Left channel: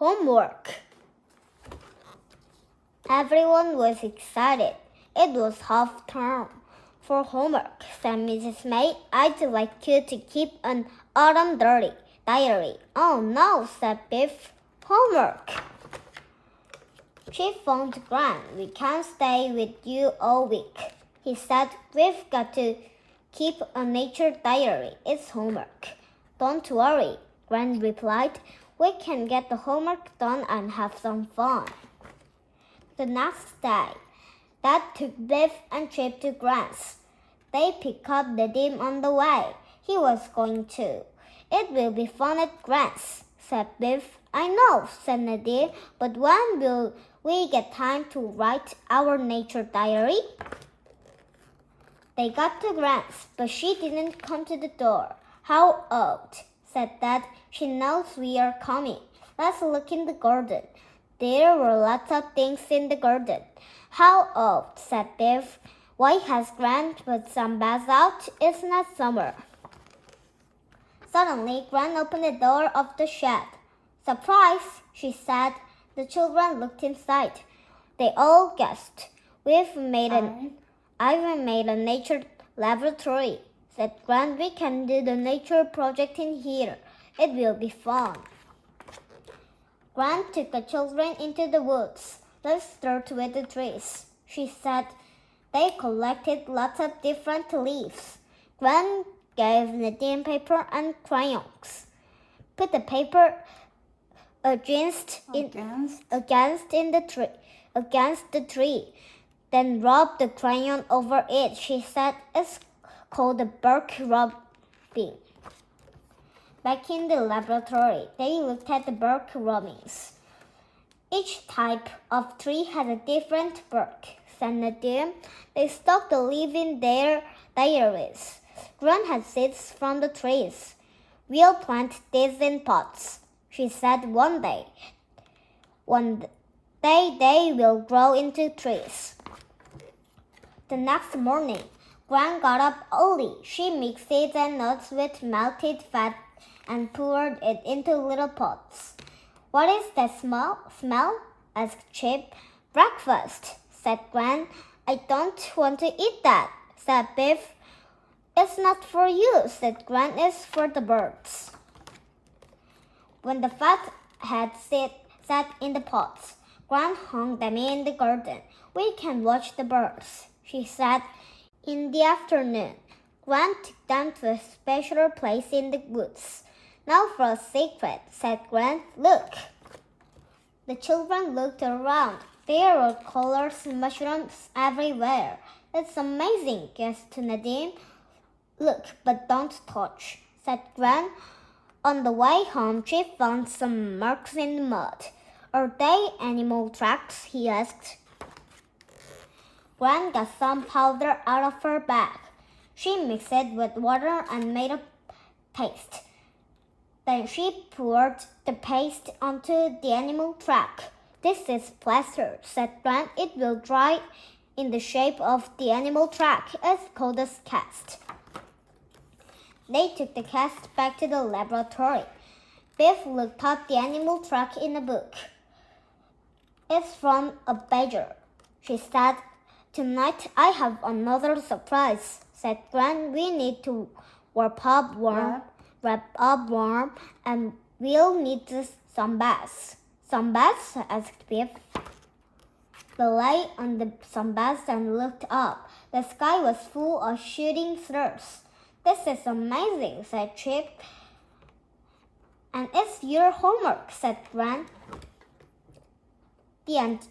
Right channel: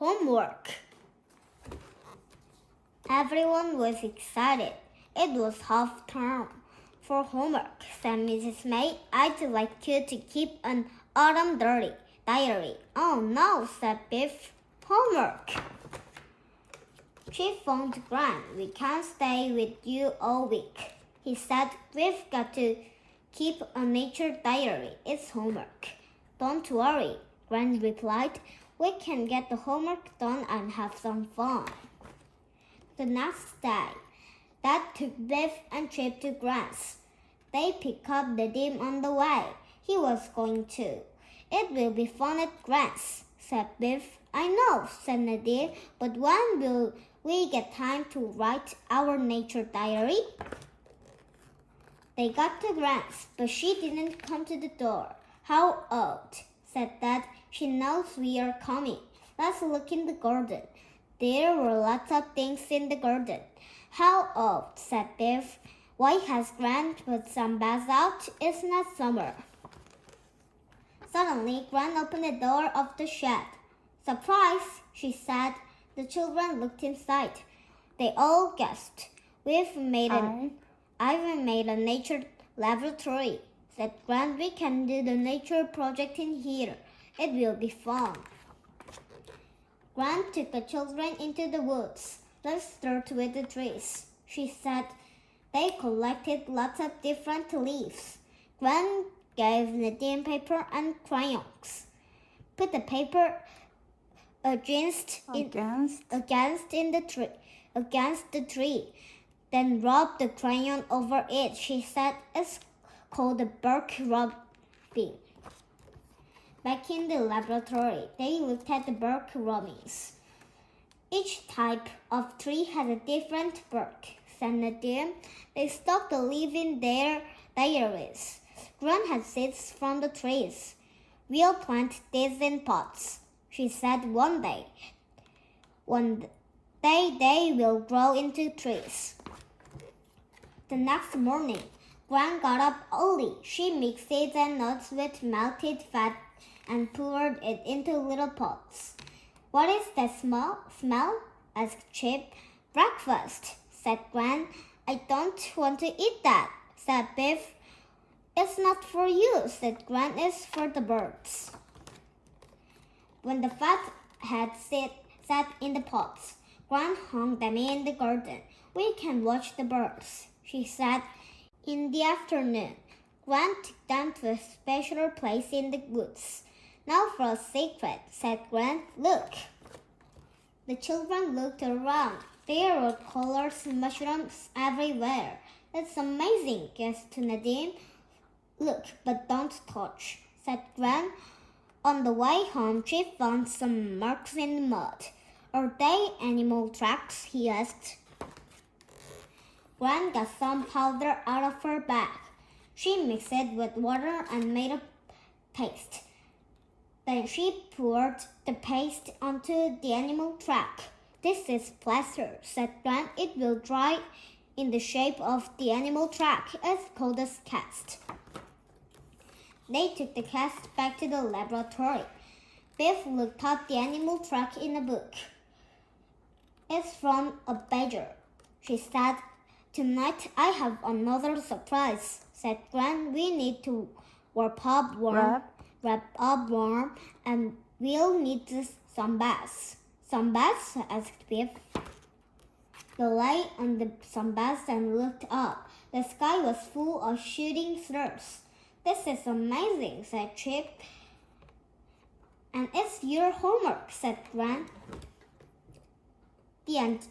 homework. Everyone was excited. It was half term for homework, said Mrs. May. I'd like you to keep an autumn diary. Oh no, said Biff. Homework. She phoned Gran. We can't stay with you all week. He said, we've got to keep a nature diary. It's homework. Don't worry, Gran replied. We can get the homework done and have some fun. The next day, Dad took Biff and Chip to Gran's. They picked up Nadim on the way. He was going too. It will be fun at Gran's, said Biff. I know, said Nadim, but when will we get time to write our nature diary? They got to Gran's, but she didn't come to the door. How odd, said Dad. She knows we are coming. Let's look in the garden. There were lots of things in the garden. How odd, said Biff. Why has Gran put some bags out? It's not summer. Suddenly, Gran opened the door of the shed. Surprise, she said. The children looked inside. They all gasped. I've made a nature laboratory, said Gran. We can do the nature project in here. It will be fun. Gran took the children into the woods. Let's start with the trees, she said. They collected lots of different leaves. Gran gave Nadim paper and crayons. Put the paper against the tree. Then rub the crayon over it, she said. It's called the bark rubbing. Back in the laboratory, they looked at the bark rubbings. Each type of tree had a different bark, said Nadim. They stuck the leaf in their diaries. Gran had seeds from the trees. We'll plant these in pots, she said. One day they will grow into trees. The next morning, Gran got up early. She mixed seeds and nuts with melted fat and poured it into little pots. What is that smell? Asked Chip. Breakfast, said Gran. I don't want to eat that, said Biff. It's not for you, said Gran. It's for the birds. When the fat had sat in the pots, Gran hung them in the garden. We can watch the birds, she said. In the afternoon, Gran took them to a special place in the woods. Now for a secret, said Gran. Look. The children looked around. There were colors and mushrooms everywhere. It's amazing, gasped Nadim. Look, but don't touch, said Gran. On the way home, Chip found some marks in the mud. Are they animal tracks? He asked. Gran got some powder out of her bag. She mixed it with water and made a paste. Then she poured the paste onto the animal track. This is plaster, said Gran. It will dry in the shape of the animal track. It's called a cast. They took the cast back to the laboratory. Biff looked up the animal track in a book. It's from a badger, she said. Tonight I have another surprise, said Gran. We need to wrap up warm, and we'll need some baths. Some baths? Asked Biff. They lay on the sunbath and looked up. The sky was full of shooting stars. This is amazing, said Chip. And it's your homework, said Gran. The end.